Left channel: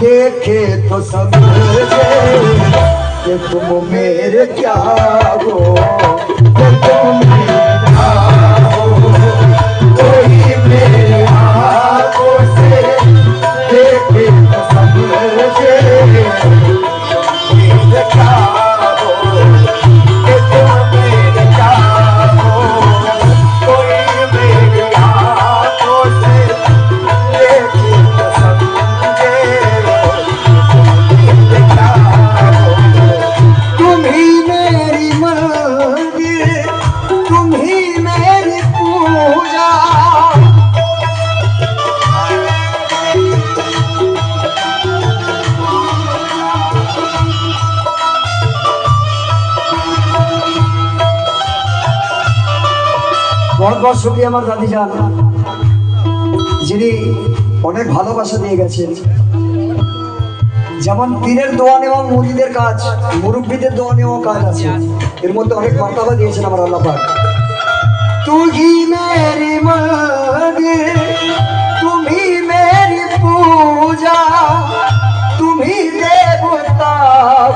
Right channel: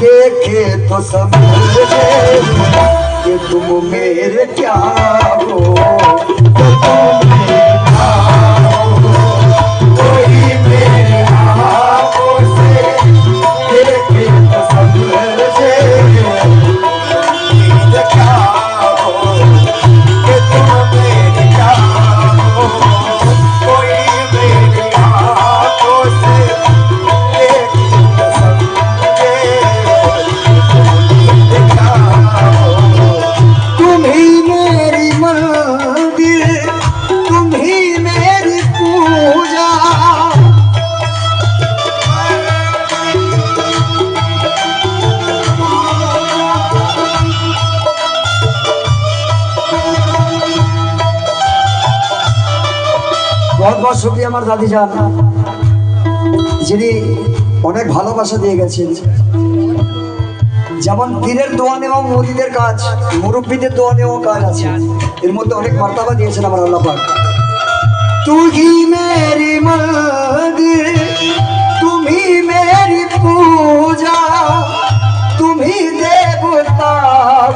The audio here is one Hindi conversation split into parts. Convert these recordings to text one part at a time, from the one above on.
देखे तो समझे कि तुम मेरे क्या हो, कि तुम मेरे क्या हो। कोई मेरे आँखों से देखे तो समझे मेरे क्या हो, कि तुम मेरे क्या हो। कोई मेरी आँखों से देखे तो समझे मेरे क्या हो। तुम ही मेरी मंदिर, तुम ही मेरी पूजा। बहुत बहुत शुक्रिया আমার দাদি জান, যিনি অনেক ভালোবাসা দিয়ে গেছেন। যেমন পীরের দোয়া নেওয়া, মুরিদের কাজ, মুরব্বীদের দোয়া নেওয়া কাজ আছে, এর মধ্যে অনেক মার্তবা দিয়েছেন আমার আল্লাহ পাক। तू ही मेरी मंदिर, तुम ही मेरी पूजा, तुम ही देवता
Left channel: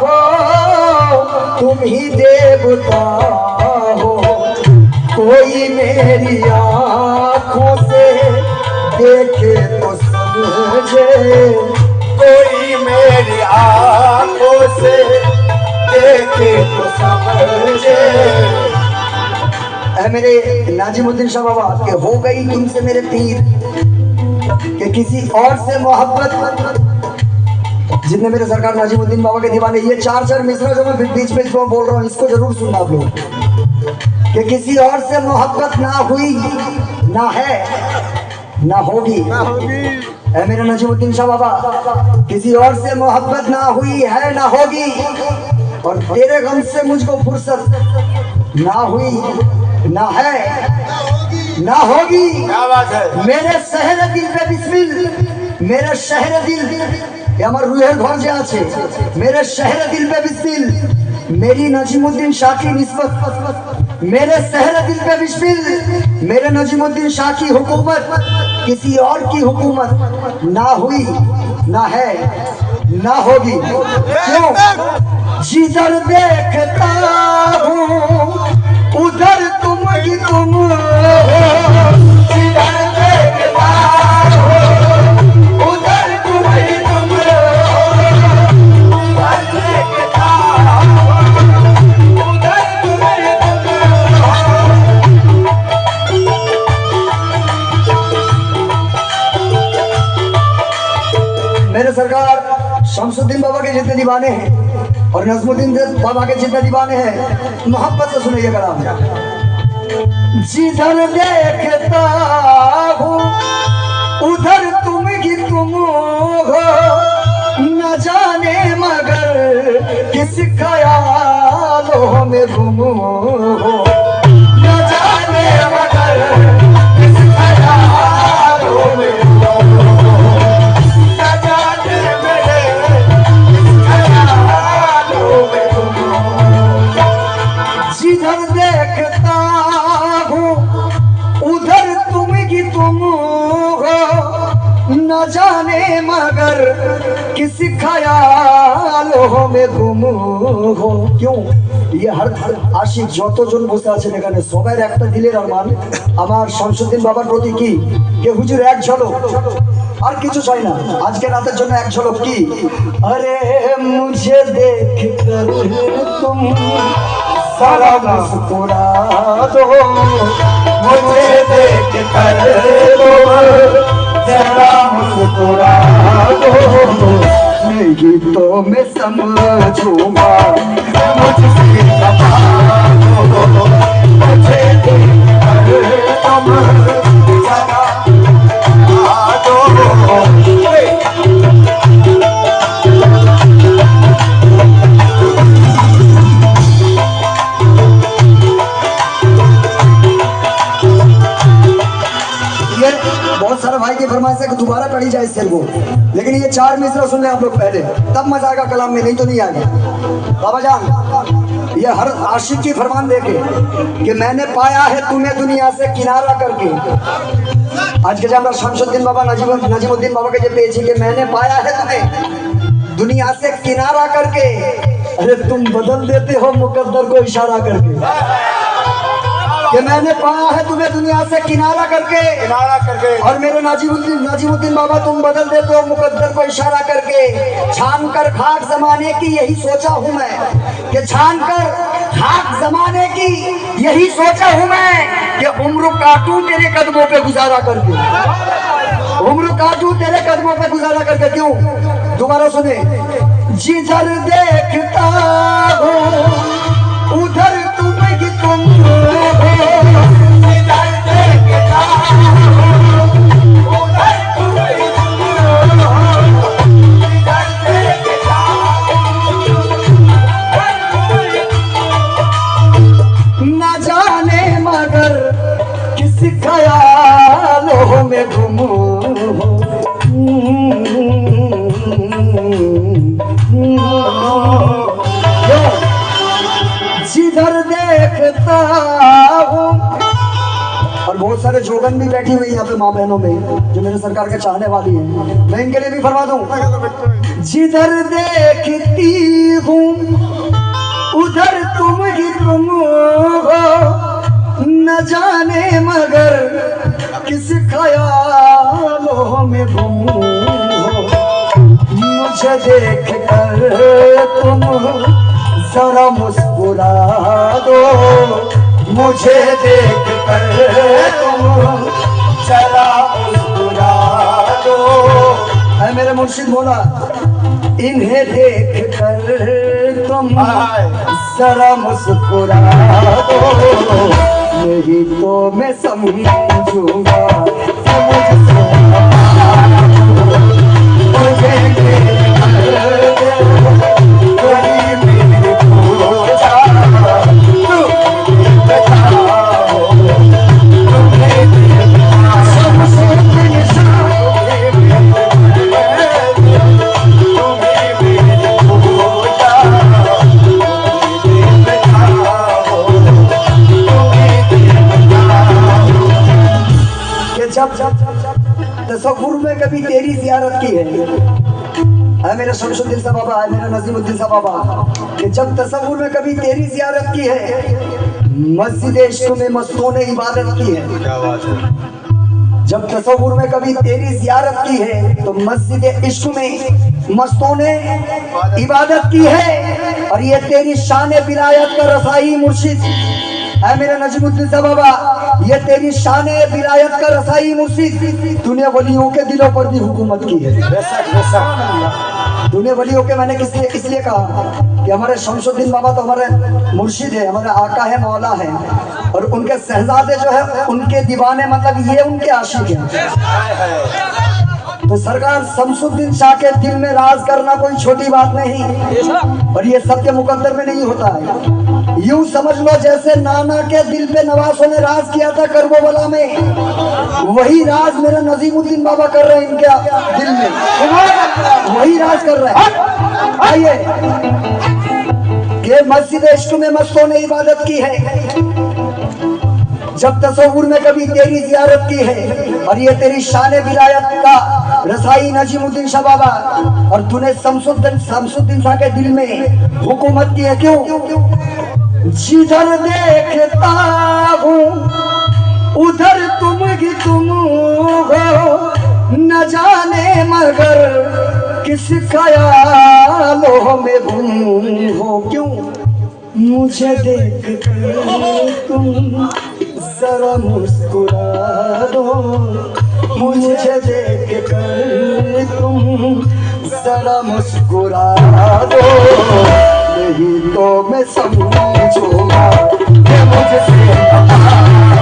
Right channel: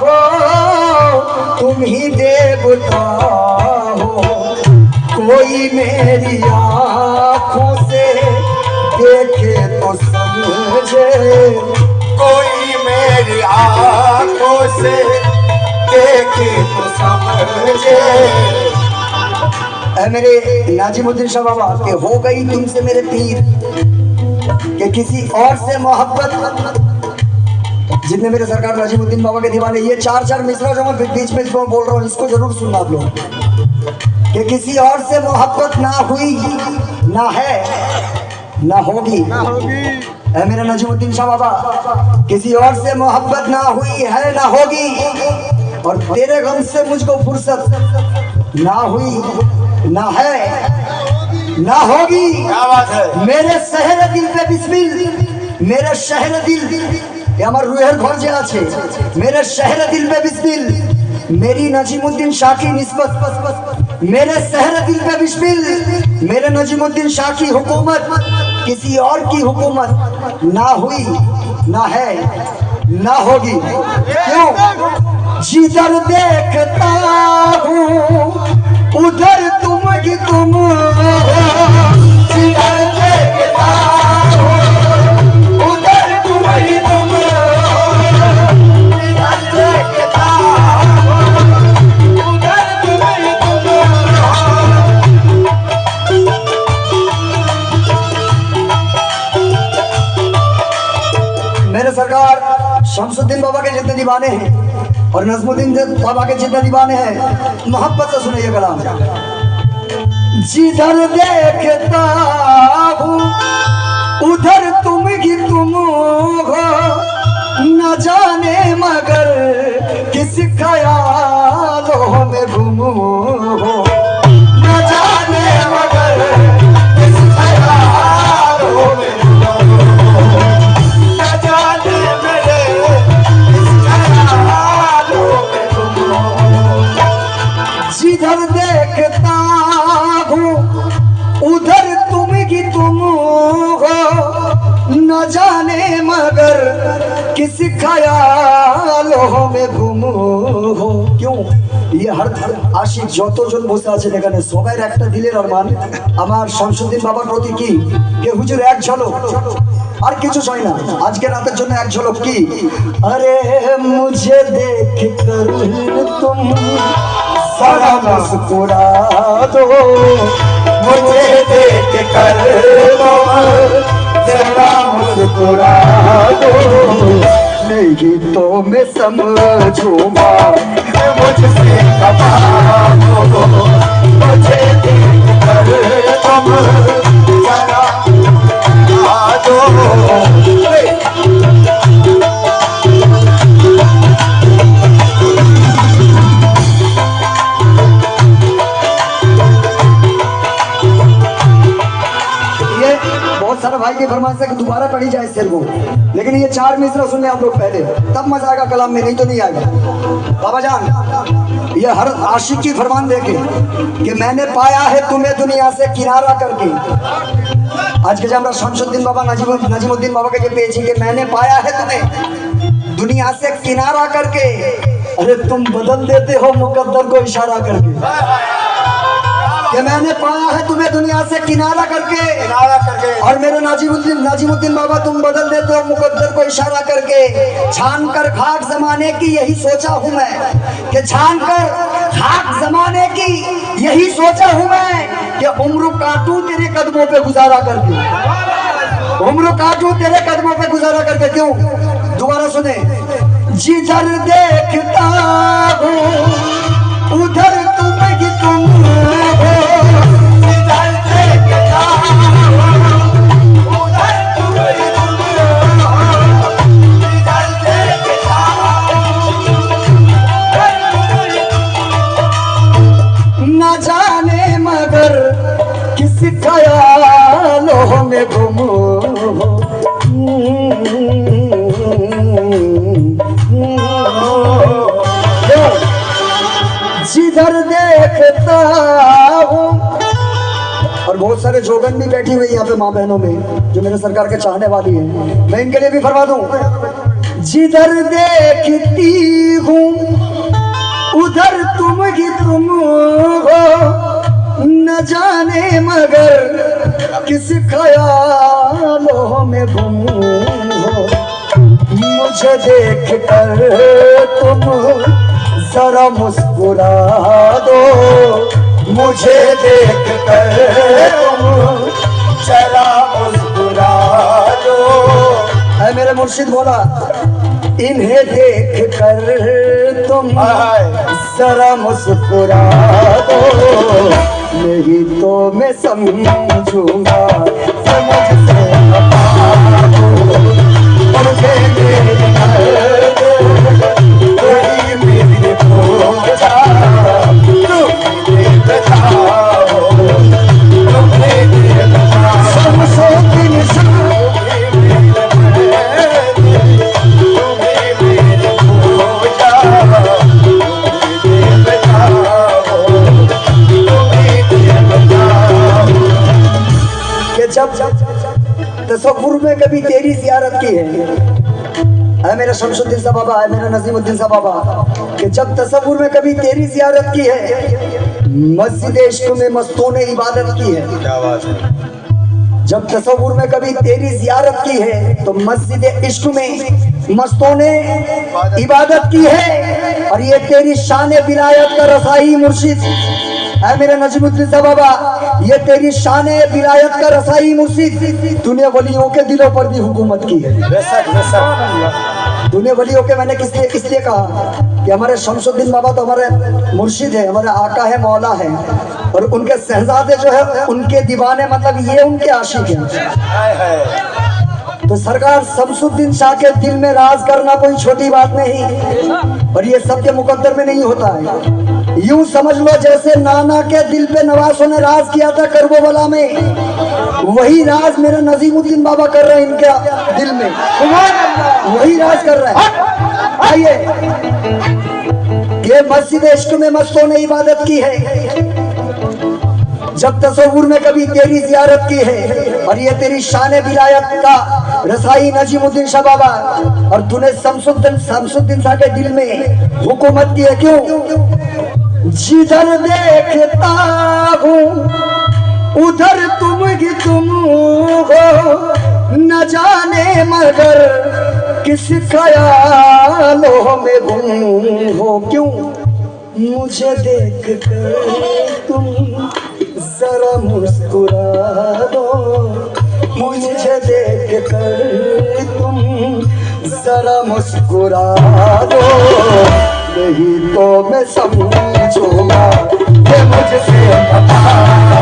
हो, तुम ही देवता हो। कोई मेरी आँखों से देखे तो समझे, कोई मेरी आँखों से देखे तो समझे। ऐ मेरे नाजिमुद्दीन शाह बाबा के हो गई तुमसे मेरे पीर, कि किसी और से मोहब्बत। जितने मेरे सरकार नाजिमुद्दीन बाबा के दीवाने, ये चार चार मिसरा जो मैं बीच में इसको बोल रहा हूँ, इसको जरूर सुनना आप लोग। कि किसी और से मोहब्बत ना हुई, ना है, ना होगी। ऐ मेरा नजीमुद्दीन शाह बाबा, किसी और से मोहब्बत ना हुई है, ना होगी। और तेरे गम से मुझको फुर्सत ना हुई, ना है, ना होगी। क्या बात है। मेरे शहर दिल पे बिस्मिल, मेरे शहर दिल, ये हमारे रूहेर घर जे आछे, मेरे शहर दिल पे बिस्मिल, मेरी नजीमुद्दीन शाह की निस्बत, मेरे शहर दिल पे बिस्मिल, मेरे नजीमुद्दीन शाह की हुकूमत किसी और की हुकूमत ना हुई, ना है, ना होगी। क्यों? जिधर देखता हूँ उधर तुम ही तुम हो। जिधर देखता हूँ उधर तुम ही तुम हो। जिधर देखता हूँ उधर तुम ही तुम हो। मेरे सरकार शमसुद्दीन बाबा के जितने दीवाने हैं और नजमुद्दीन बाबा के जितने दीवाने हैं, मोहब्बत से सुनिए कलाम। जिधर देखता हूँ उधर तुम ही तुम हो, न जाने मगर किस ख्यालों में गुम हो। न जाने मगर किस ख्यालों में गुम हो। न जाने मेरे किस ख्यालों में गुम हो। जिधर देखता हूँ उधर तुम ही तुम हो, न जाने मगर किस ख्यालों में गुम हो। क्यों? ये हर आशिक যতজন বসে আছেন এখানে সবার একটা দিলের আরমান আমার শামসুদ্দিন বাবার প্রতি কি, যে হুজুর এক ঝলক, আর কিছু চাই না, আজকে রাতের জন্য এক ঝলক কি, আরে মুঝে দেখ কর তুম সারা মুস্কুরা দো, মুঝে দেখ কর তুম जरा मुस्कुरा दो, नहीं तो मैं समझूंगा। मुझसे बता दो, मुझे देख कर तुम जरा मुस्कुरा दो। बहुत सारे भाई की फरमाइश है कि दोबारा पढ़ी जाए इस शेर को, लेकिन ये चार मिसरा सुन ले आप लोग पहले, तब मजा आएगा कलाम में, नहीं तो नहीं आएगा। बाबा जान, ये हर आशिक की फरमान देके कि मैंने पाया है तुम्हें दुनिया से किनारा करके, आज के जब शमसुद्दीन बाबा नजीमुद्दीन बाबा के जो पेची के मैंने पाया है तुम्हें दुनिया से किनारा करके। अरे तुम बदल देते हो मुकद्दर को इशारा करके कि मैंने पाया है तुम्हें दुनिया से किनारा करके और मेरे नाजिमुद्दीन बाबा तुम बदल देते हो मुकद्दर को इशारा करके। छान कर खाक जमाने की यही सोचा हूँ मैं कि छान कर खाक जमाने की यही सोचा हूँ मैं कि उम्र काटूं तेरे कदमों पे गुजारा करके। उम्र काटूं तेरे कदमों पे गुजारा करके। क्यों? दोबारा सुने। जिधर देखता हूँ उधर तुम ही तुम हो। जिधर देखता हूँ उधर तुम ही तुम हो। जिधर देखता हूँ न जाने मगर किस ख्यालों में गुम हो। जिधर देखता हूँ और बहुत सारे जोगन भी बैठी हुई यहाँ पे माँ बहनों में जो मेरे सरकार के चाहने वाली हैं, मैं इनके लिए भी फरमा दूं। जिधर देखती हूँ उधर तुम ही तुम हो। न जाने मगर किस ख्यालों में गुम हो। मुझे देख कर तुम जरा मुस्कुरा दो। मुझे देख कर तुम जरा मुस्कुरा दो। है मेरे मुर्शिद बोला इन्हें देख कर तुम जरा मुस्कुरा दो। नहीं तो मैं समझूंगा समझ से मुझे देख तसव्वुर में कभी तेरी जियारत की है मेरा शमसुद्दीन साहब बाबा है मेरा नजीमुद्दीन साहब बाबा कि जब तसव्वुर में कभी तेरी जियारत की है। मस्जिद इश्क में मस्तों ने इबादत की है। क्या बात है। जब तसव्वुर में कभी तेरी जियारत की है तो मस्जिद इश्क में मस्तों ने इबादत की है। और ये तेरी शान विलायत का रसाई मुर्शिद है मेरा नजीमुद्दीन साहब बाबा। ये तेरी शान विलायत का रसाई मुर्शिद तूने वलियों के दिलों पर भी हुकूमत की है। तूने वलियों के मैंने इसलिए कहा कि हमारे शमसुद्दीन बाबा तो हमारे मुर्शिद है, हमारे आका है, मौला है। और उनके शहजादे जो है उनके दीवाने मतलब ये उनके आशिक हैं। तो सरकार शमसुद्दीन शाह के दिल में राज करना कोई छोटी बात नहीं और ये सबके मुकद्दर में नहीं होता है। यूं समझ लो जैसे नाना के दिल पे नवासों ने राज किया था करबला में, वही राज मेरा नजीमुद्दीन बाबा कर रहे हैं इनके दिल में। वही राज कर रहे हैं। आइए ये मस्जिद इश्क में मस्तों ने इबादत की है। जब तसव्वुर में कभी तेरी जियारत की है और ये तेरी शान विलायत का रसाई नजीमुद्दीन शाह बाबा और तूने शमसुद्दीन शाह के दिल में हुकूमत की है। क्यों? जिधर देखता हूँ उधर तुम ही तुम हो। न जाने मगर किस ख्यालों में गुम हो। क्यों? मुझे देख कर तुम जरा मुस्कुरा दो। मुझे देख कर तुम जरा मुस्कुरा दो। नहीं तो मैं समझूंगा कि मुझसे बता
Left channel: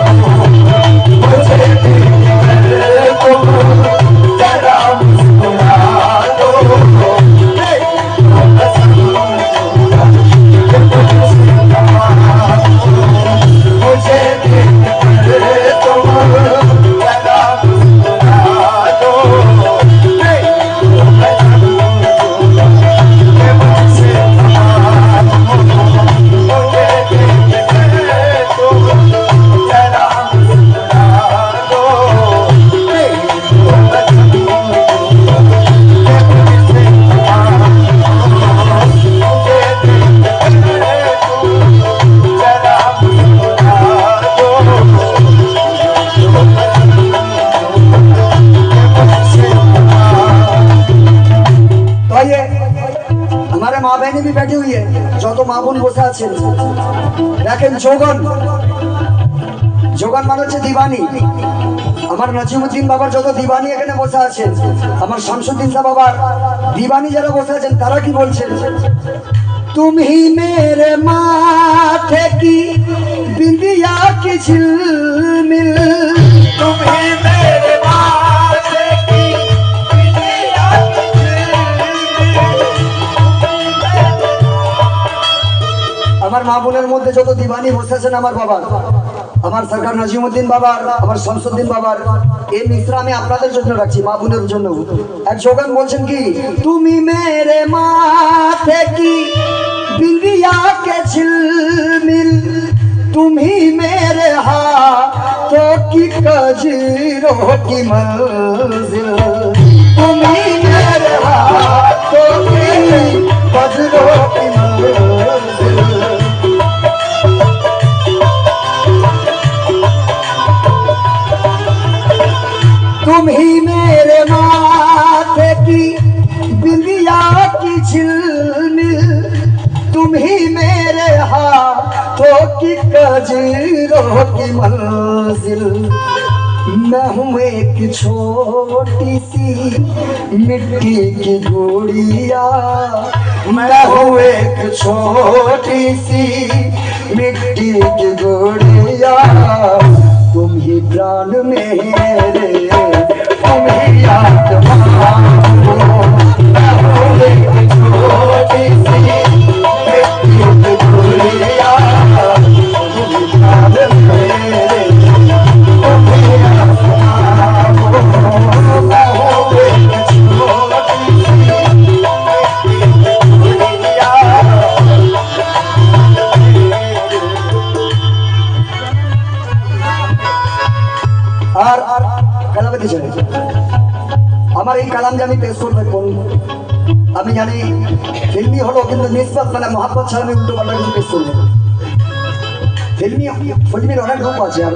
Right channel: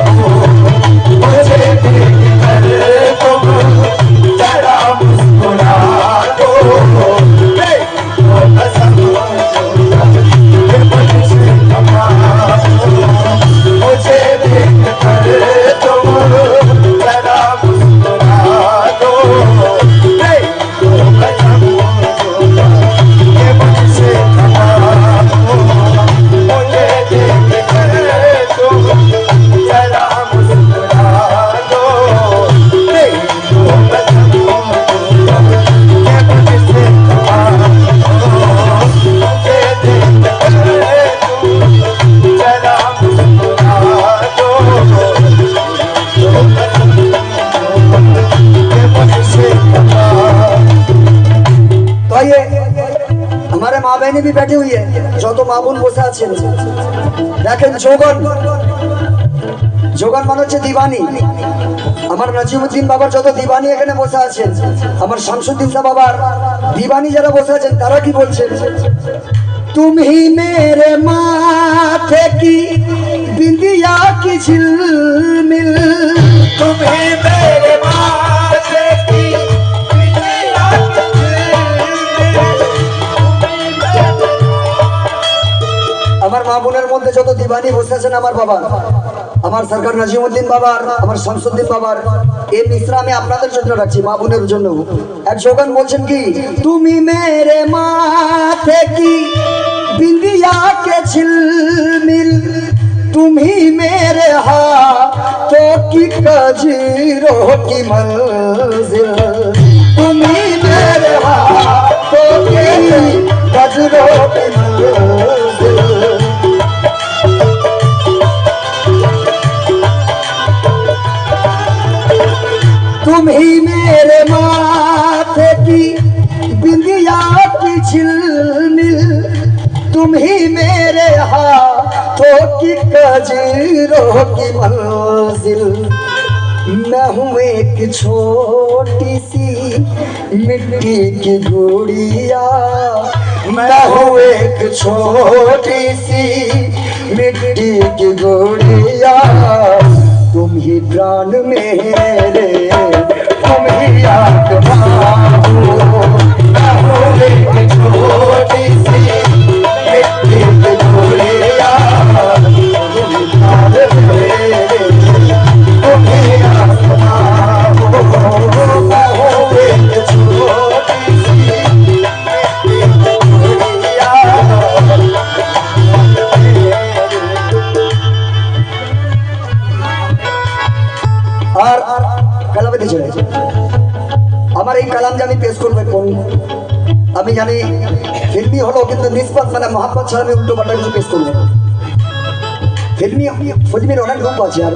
दो। मुझे देख कर तुम जरा मुस्कुरा दो। नहीं तो मैं समझूंगा कि मुझसे बता दो। मुझे देख कर तुम जरा मुस्कुरा दो। नहीं तो मैं समझूंगा बहनें भी बैठी हुई है, जो तो माँ বোन বসে আছেন দেখেন যোগন যোগন মানে হচ্ছে দিবানি। আমার নাজিমউদ্দিন বাবার যত দিবানি এখানে বসে আছেন, আমার শামসুদ্দিন শাহ বাবার দিবানি যারা বসে আছেন তারা কি বলছেন, তুমি মেরে মাथे की बिंदिया की झिलमिल, तुम्ही मेरे माथे की बिंदिया की আমার মা বোনের মধ্যে যত দিবানি বসে আছেন আমার বাবা, আমার সরকার নাজিমউদ্দিন বাবার, আমার শামসুদ্দিন বাবার, এই মিশ্রা আমি আপনাদের জন্য রাখছি, মা বোনের জন্য। এক যোগান বলছেন কি, তুমি মেরে মাथे की बिंदिया के झिलमिल, तुम्ही मेरे हाथों की कजरों की मंजिल, तुम्ही मेरे हाथों की कजरों की मंजिल। तुम ही मेरे माथे की बिंदिया की झिलमिल, तुम ही मेरे हाथों की कजरों की मंजिल। मैं हूँ एक छोटी सी मिट्टी की गुड़िया, मैं हूँ एक छोटी सी मिट्टी की गुड़िया, तुम ही प्राण मेरे, तुम ही आत्मा हो। मैं हूँ एक छोटी सी मिट्टी की गुड़िया, तुम ही प्राण मेरे, तुम ही आत्मा हो। मैं हूँ एक छोटी सी मिट्टी की गुड़िया। আর কালামে চলে আমার এই কালাম যে আমি পেশ করবো কোন, আমি জানি ফিল্মি হলো কিন্তু নিসবত মানে মহাব্বত ছাড়া আমি উল্টো পাল্টা কিছু পেশ করবো। ফিল্মির অনেক রূপ আছে আর